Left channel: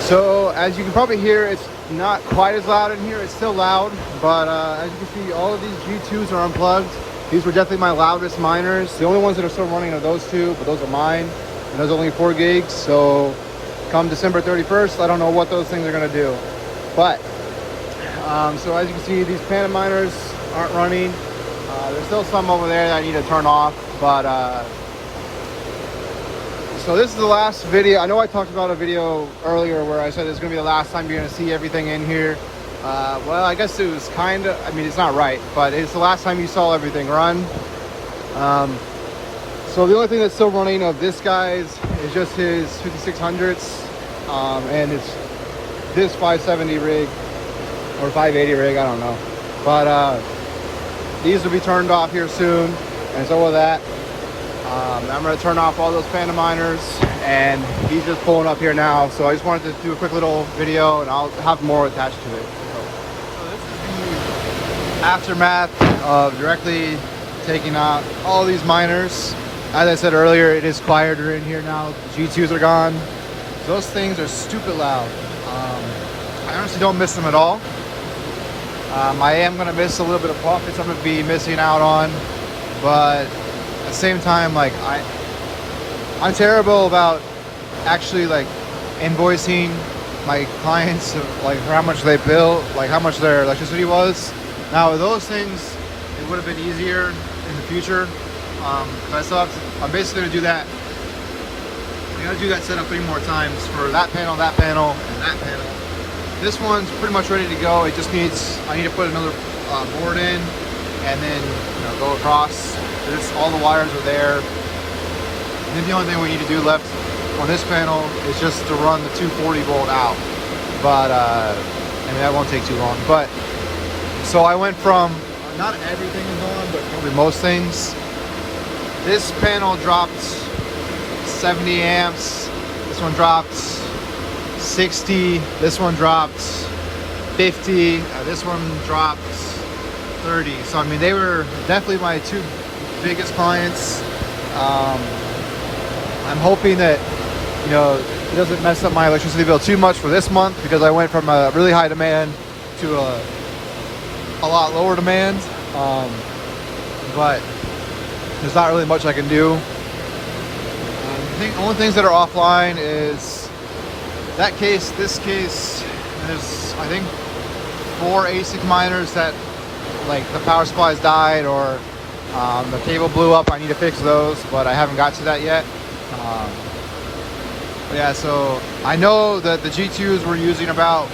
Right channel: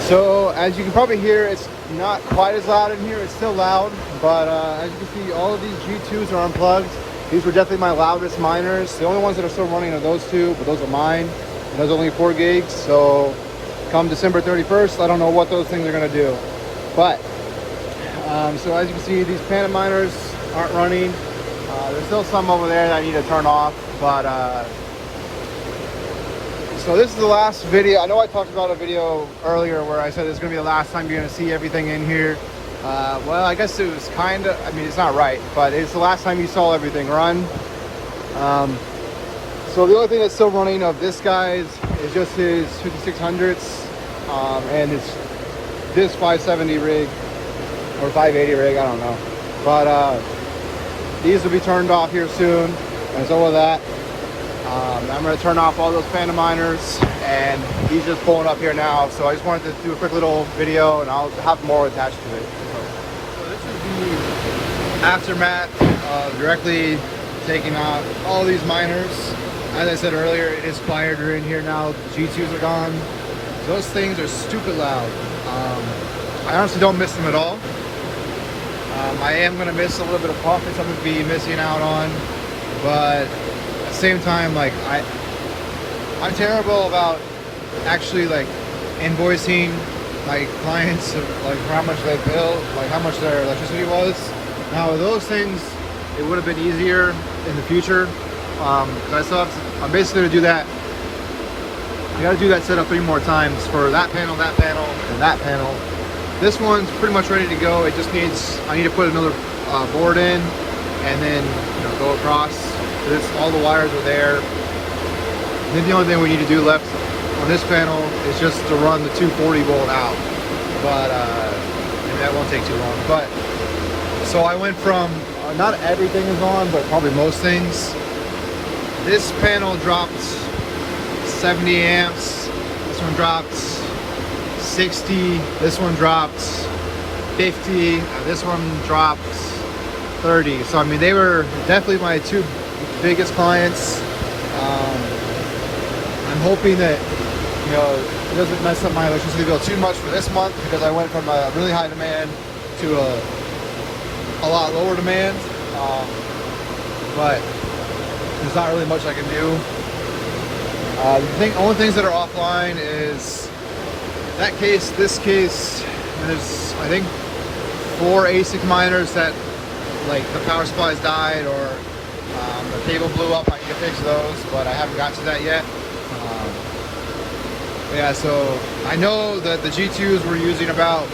So as you can probably hear, it's not quite as loud in here. It's still loud, but as you can see, all of these G2s are unplugged. These were definitely my loudest miners. The only ones that are still running are those two, but those are mine. And those are only 4 gigs. So come December 31st, I don't know what those things are gonna do. But so as you can see, these current miners aren't running. There's still some over there that I need to turn off, but so this is the last video. I know I talked about a video earlier where I said it's gonna be the last time you're gonna see everything in here. Well, I guess it was kind of, I mean, it's not right, but it's the last time you saw everything run. So the only thing that's still running of this guy's is just his 5600s, and it's this 570 rig, or 580 rig, I don't know. But these will be turned off here soon, and all of that. I'm going to turn off all those Phantom miners, and these are pulling up here now. So I just wanted to do a quick little video, and I'll have more attached to it. So this is the aftermath of directly taking out all these miners. As I said earlier, it is quieter in here now. The G2s are gone. Those things are stupid loud. I honestly don't miss them at all. I am going to miss a little bit of profits I'm going to be missing out on, but at the same time, like I'm terrible about actually like invoicing my clients of, like, for how much they bill, like how much their electricity was. Now with those things, it would have been easier in the future. Because I'm basically going to do that. I got to do that setup 3 more times for that panel, and that panel. This one's pretty much ready to go. It just needs, I need to put another board in, and then, you know, go across. There's all the wires are there. Then the only thing we need to do left on this panel is just to run the 240 volt out. But and that won't take too long. But so I went from not everything is on, but probably most things. This panel dropped 70 amps. This one dropped 60. This one dropped 50. This one dropped 30. So I mean, they were definitely my 2 biggest clients. I'm hoping that, you know, it doesn't mess up my electricity bill too much for this month, because I went from a really high demand to a lot lower demand. But there's not really much I can do. The only things that are offline is that case, this case, and it's, I think, 4 ASIC miners that, like, the power supplies died, or the cable blew up. I need to fix those, but I haven't got to that yet. Yeah, so I know that the G2s were using about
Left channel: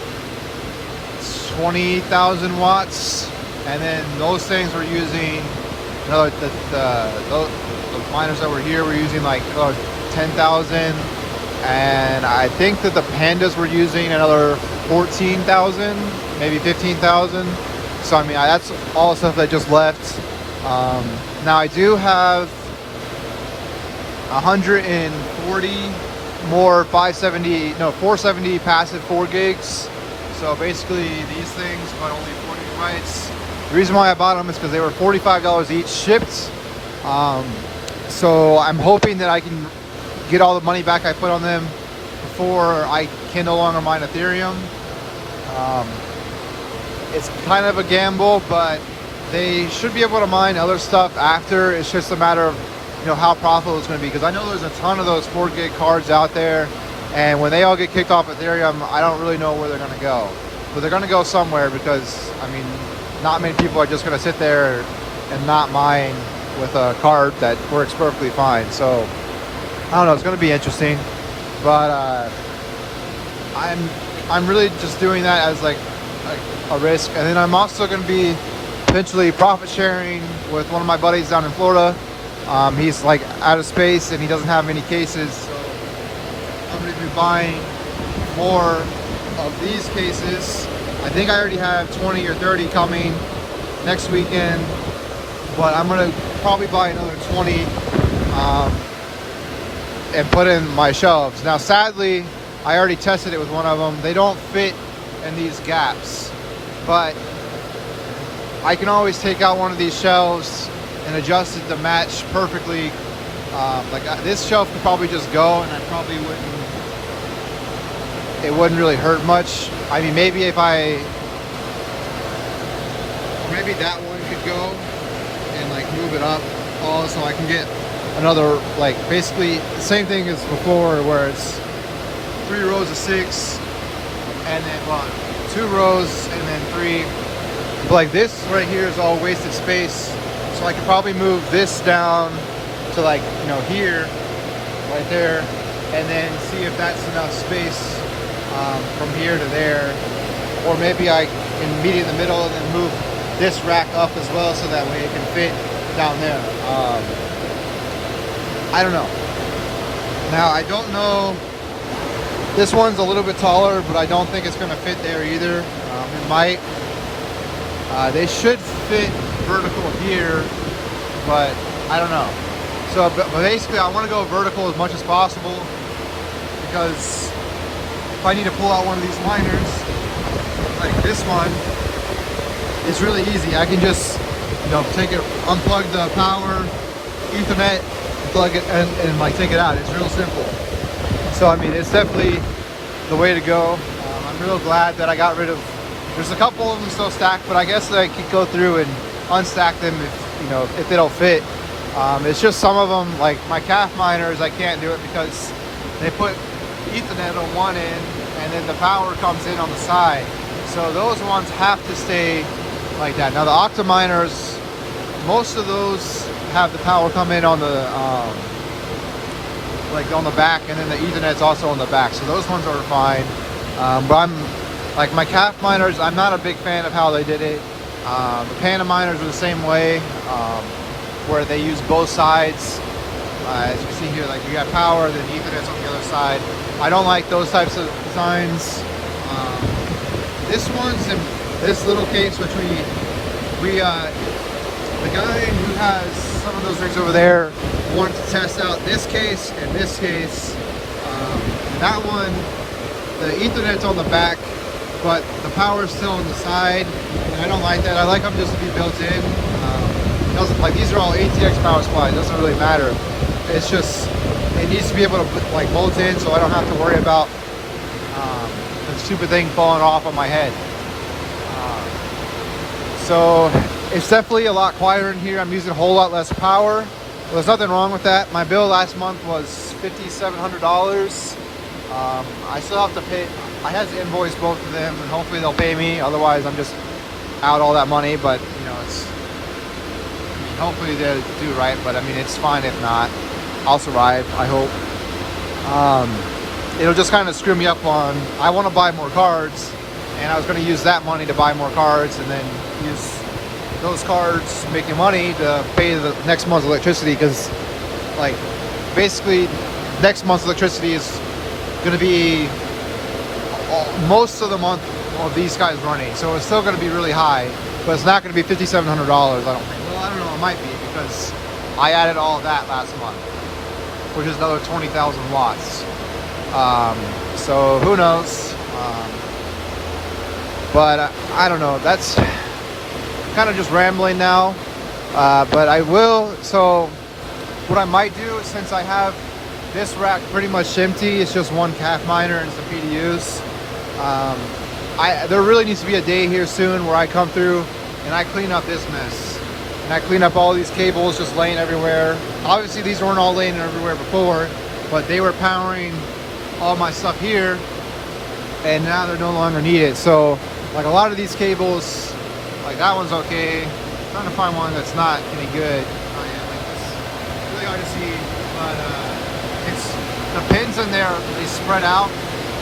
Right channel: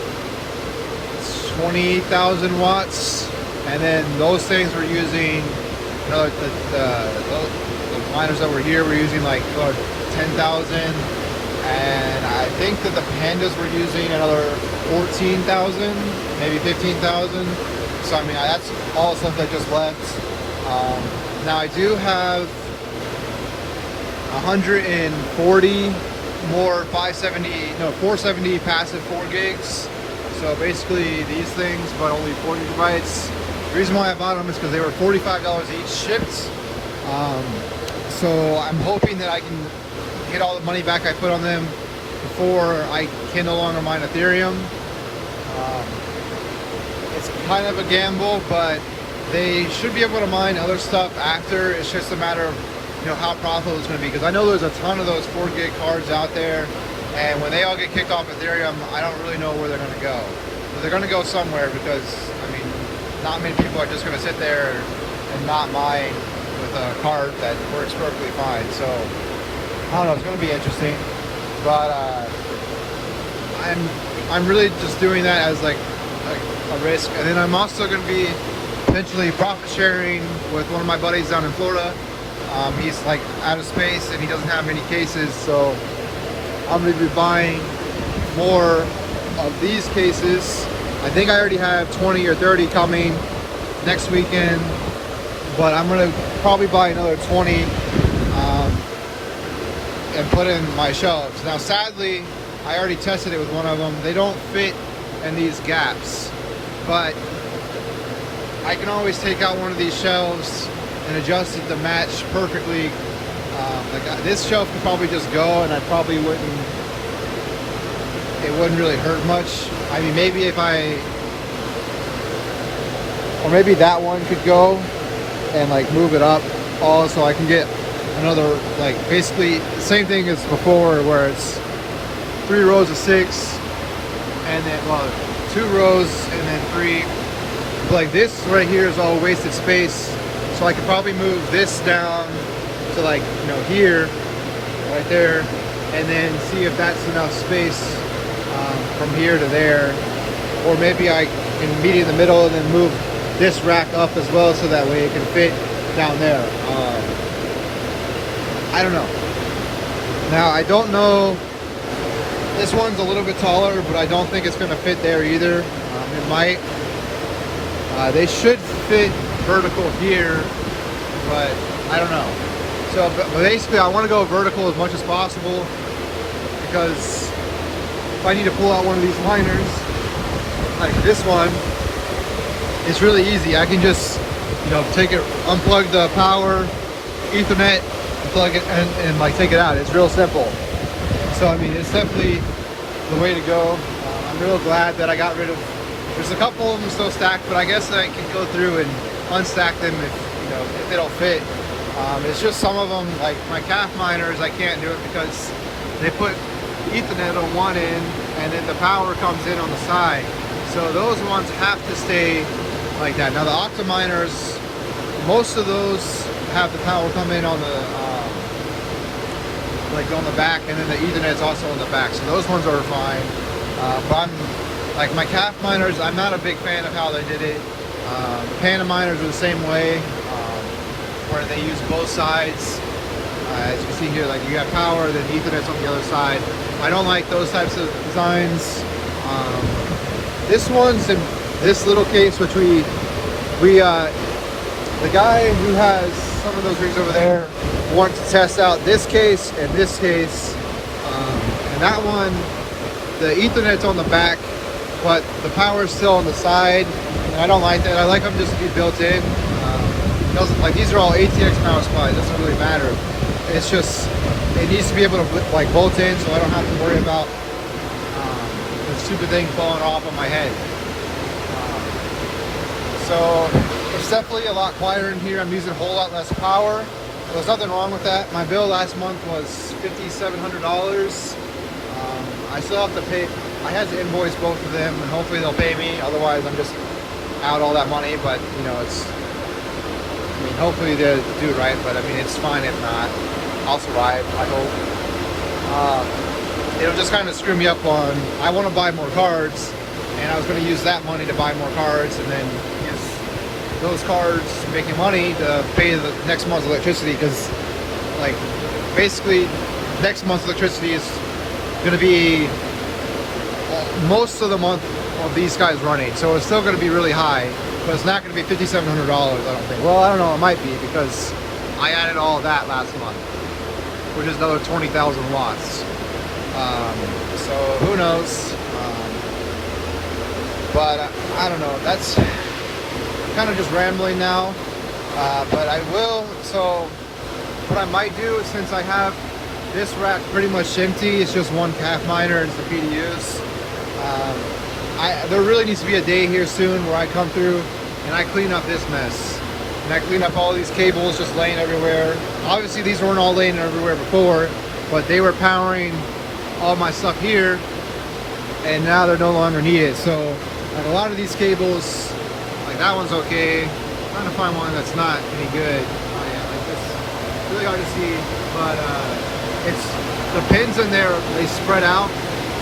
20,000 watts, and then those things were using, you know, the miners that were here were using like 10,000, and I think that the Pandas were using another 14,000, maybe 15,000. So I mean, that's all stuff that just left. Now I do have 140 more 470 passive 4 gigs. So basically these things, but only 4 gigabytes. The reason why I bought them is because they were $45 each shipped. So I'm hoping that I can get all the money back I put on them before I can no longer mine Ethereum. It's kind of a gamble, but they should be able to mine other stuff after. It's just a matter of, you know, how profitable it's going to be, because I know there's a ton of those 4 gig cards out there, and when they all get kicked off Ethereum, I don't really know where they're going to go. But they're going to go somewhere, because I mean, not many people are just going to sit there and not mine with a card that works perfectly fine. So I don't know, it's going to be interesting, but I'm really just doing that as like a risk. And then I'm also going to be eventually profit sharing with one of my buddies down in Florida. He's like out of space and he doesn't have any cases, so I'm going to be buying more of these cases. I think I already have 20 or 30 coming next weekend, but I'm going to probably buy another 20 and put in my shelves. Now sadly, I already tested it with one of them. They don't fit in these gaps, but I can always take out one of these shelves and adjust it to match perfectly This shelf could probably just go, and I probably wouldn't. It wouldn't really hurt much. I mean, maybe if I, or maybe that one could go, and like move it up, all so I can get another, like basically the same thing as before, where it's 3 rows of 6, and then well, 2 rows and then 3. But like this right here is all wasted space, so I could probably move this down to like, you know, here, right there, and then see if that's enough space from here to there, or maybe I can meet in the middle and then move this rack up as well, so that way it can fit down there. I don't know. Now I don't know. This one's a little bit taller, but I don't think it's going to fit there either. It might. They should fit vertical here, but I don't know. So but basically I want to go vertical as much as possible, because if I need to pull out one of these liners, like this one, it's really easy. I can just, you know, take it, unplug the power, Ethernet, plug it, and like take it out. It's real simple. So I mean, it's definitely the way to go. I'm real glad that I got rid of. There's a couple of them still stacked, but I guess I can go through and unstack them if, you know, if they don't fit. It's just some of them, like my calf miners, I can't do it because they put Ethernet on one end and then the power comes in on the side. So those ones have to stay like that. Now the Octominers, most of those have the power come in on the like on the back, and then the Ethernet's also on the back. So those ones are fine. But I'm like my calf miners, I'm not a big fan of how they did it. The Panda miners are the same way. Where they use both sides. As you see here, like you got power, then Ethernet's on the other side. I don't like those types of designs. This one's in this little case, which the guy who has some of those rigs over there wanted to test out this case and this case. And that one, the Ethernet's on the back, but the power is still on the side. And I don't like that. I like them just to be built in. Like these are all ATX power supplies, it doesn't really matter. It's just, it needs to be able to like bolt in, so I don't have to worry about the stupid thing falling off on my head. So it's definitely a lot quieter in here. I'm using a whole lot less power. There's nothing wrong with that. My bill last month was $5,700. I still have to pay. I had to invoice both of them, and hopefully they'll pay me. Otherwise, I'm just out all that money. But you know, it's. I mean, hopefully they do right, but I mean, it's fine if not. I'll survive, I hope. It'll just kind of screw me up on, I want to buy more cards, and I was going to use that money to buy more cards, and then use those cards making money to pay the next month's electricity, because, like, basically, next month's electricity is going to be most of the month of these guys running, so it's still going to be really high. But it's not going to be $5,700, I don't think. Well, I don't know, it might be, because I added all of that last month, which is another 20,000 watts. So who knows? But I don't know. That's kind of just rambling now. But I will. So what I might do is, since I have this rack pretty much empty, it's just one calf miner and some PDUs. There really needs to be a day here soon where I come through and I clean up this mess. And I clean up all these cables just laying everywhere. Obviously these weren't all laying everywhere before, but they were powering all my stuff here, and now they're no longer needed. So like a lot of these cables, like that one's okay. I'm trying to find one that's not any good. Oh yeah, like this, really hard to see, but it's the pins in there, they spread out,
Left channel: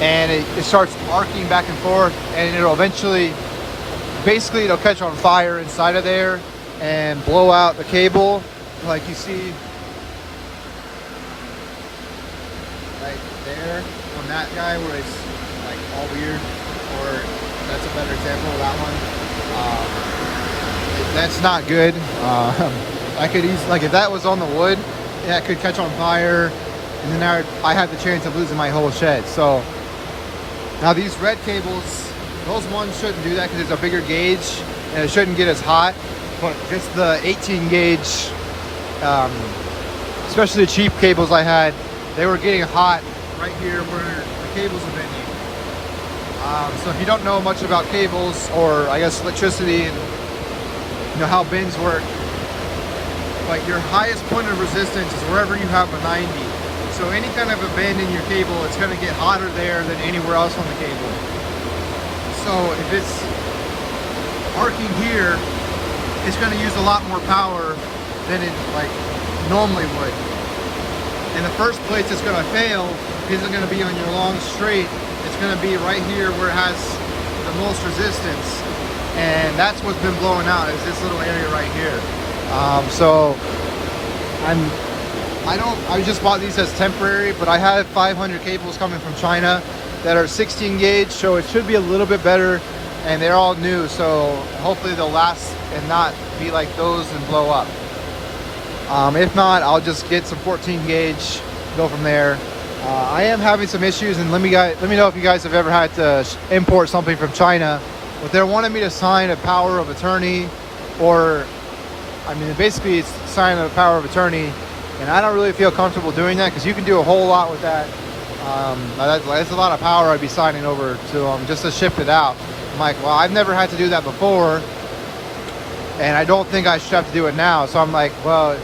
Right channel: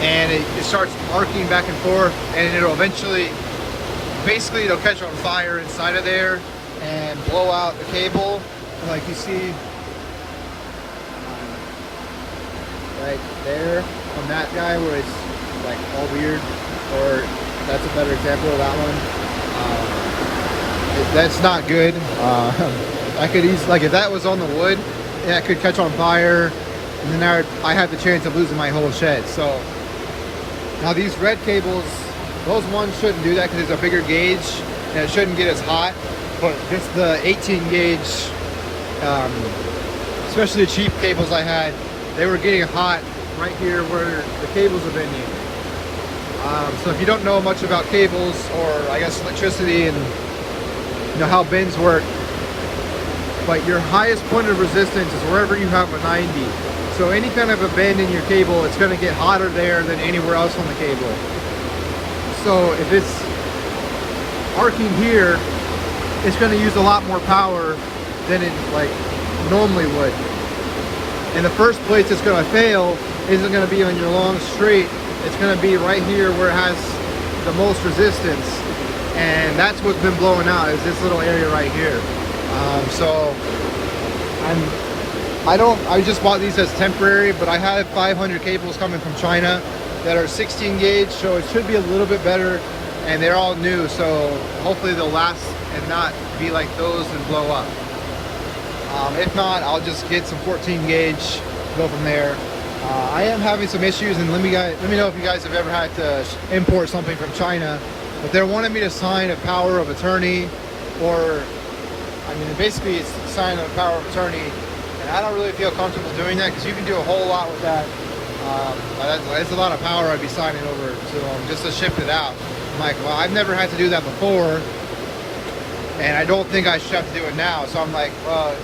and it starts arcing back and forth, and it'll eventually, basically it'll catch on fire inside of there and blow out the cable, like you see right there on that guy where it's like all weird, or that's a better example of that one. That's not good. I could easily, like if that was on the wood, that could catch on fire, and then I have the chance of losing my whole shed. So now these red cables, those ones shouldn't do that because it's a bigger gauge and it shouldn't get as hot. But just the 18 gauge, so especially the cheap cables I had, they were getting hot right here where the cables are bending. So if you don't know much about cables, or I guess electricity and you know how bends work, but your highest point of resistance is wherever you have a 90. So any kind of a bend in your cable, it's going to get hotter there than anywhere else on the cable. So if it's arcing here, it's going to use a lot more power than it like normally would. And the first place it's going to fail isn't going to be on your long straight. It's going to be right here where it has the most resistance, and that's what's been blowing out, is this little area right here. I just bought these as temporary, but I had 500 cables coming from China that are 16 gauge, so it should be a little bit better, and they're all new, so hopefully they'll last and not be like those and blow up. If not, I'll just get some 14 gauge, go from there. I am having some issues, and let me know if you guys have ever had to import something from China, but they're wanting me to sign a power of attorney, or I mean basically it's sign a power of attorney, and I don't really feel comfortable doing that because you can do a whole lot with that. That's a lot of power I'd be signing over to them just to ship it out. I'm like, well, I've never had to do that before, and I don't think I should have to do it now. So I'm like, well,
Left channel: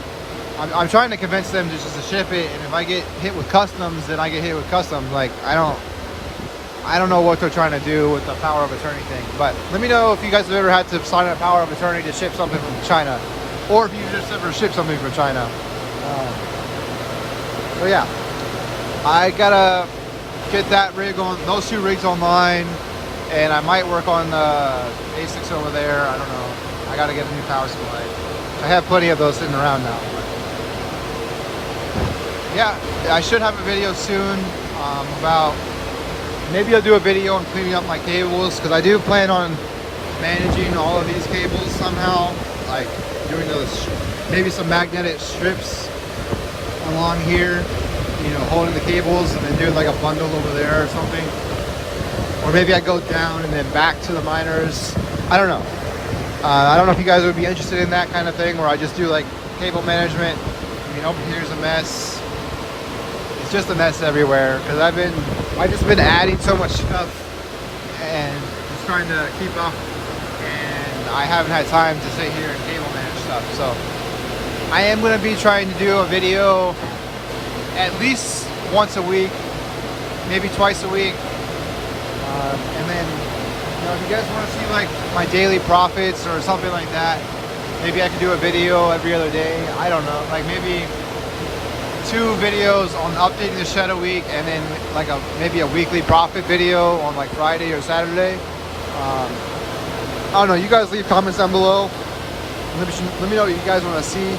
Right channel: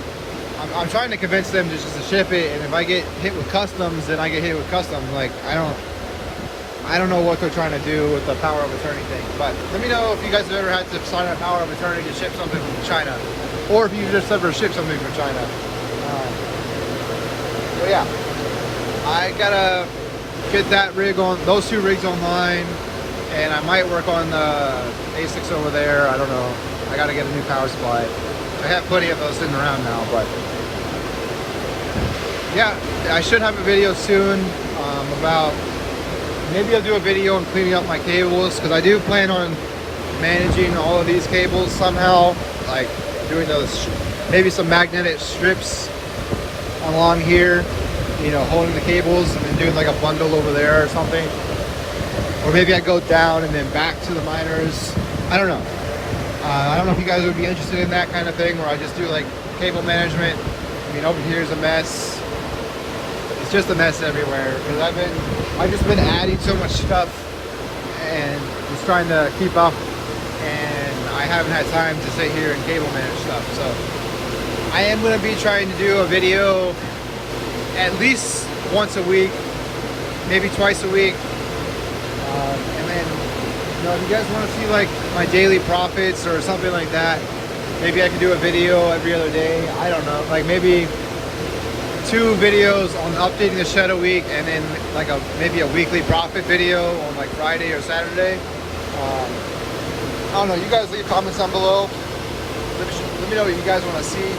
I'm trying to convince them to just to ship it, and if I get hit with customs, then I get hit with customs. Like, I don't know what they're trying to do with the power of attorney thing. But let me know if you guys have ever had to sign a power of attorney to ship something from China, or if you've just ever shipped something from China. But yeah, I gotta get that rig on, those two rigs online, and I might work on the ASICs over there. I don't know. I gotta get a new power supply. I have plenty of those sitting around now, but yeah, I should have a video soon about, maybe I'll do a video on cleaning up my cables, because I do plan on managing all of these cables somehow, like doing those, maybe some magnetic strips along here, you know, holding the cables, and then doing like a bundle over there or something. Or maybe I go down and then back to the miners. I don't know. I don't know if you guys would be interested in that kind of thing, where I just do like cable management. I mean, over here is a mess. It's just a mess everywhere, because I've just been adding so much stuff and just trying to keep up, and I haven't had time to sit here and cable manage stuff. So I am going to be trying to do a video at least once a week, maybe twice a week. And then, you know, if you guys want to see like my daily profits or something like that, maybe I can do a video every other day. I don't know, like maybe 2 videos on updating the shed a week, and then like maybe a weekly profit video on like Friday or Saturday. I don't know, you guys leave comments down below. Let me know what you guys want to see.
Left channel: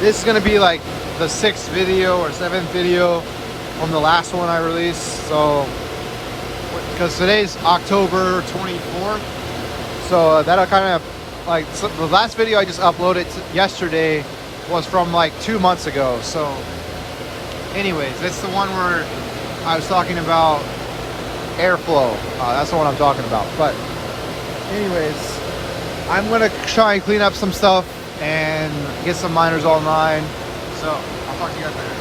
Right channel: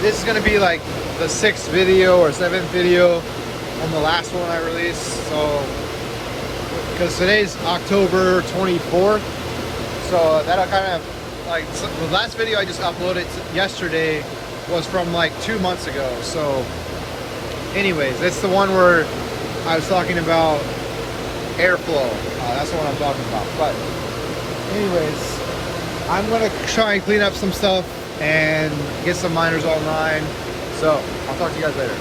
This is going to be like the 6th video or 7th video on the last one I released. So, because today's October 24th, so that'll kind of like, so the last video I just uploaded yesterday was from like 2 months ago. So anyways, it's the one where I was talking about airflow. That's the one I'm talking about. But anyways, I'm gonna try and clean up some stuff and get some miners online. So I'll talk to you guys later.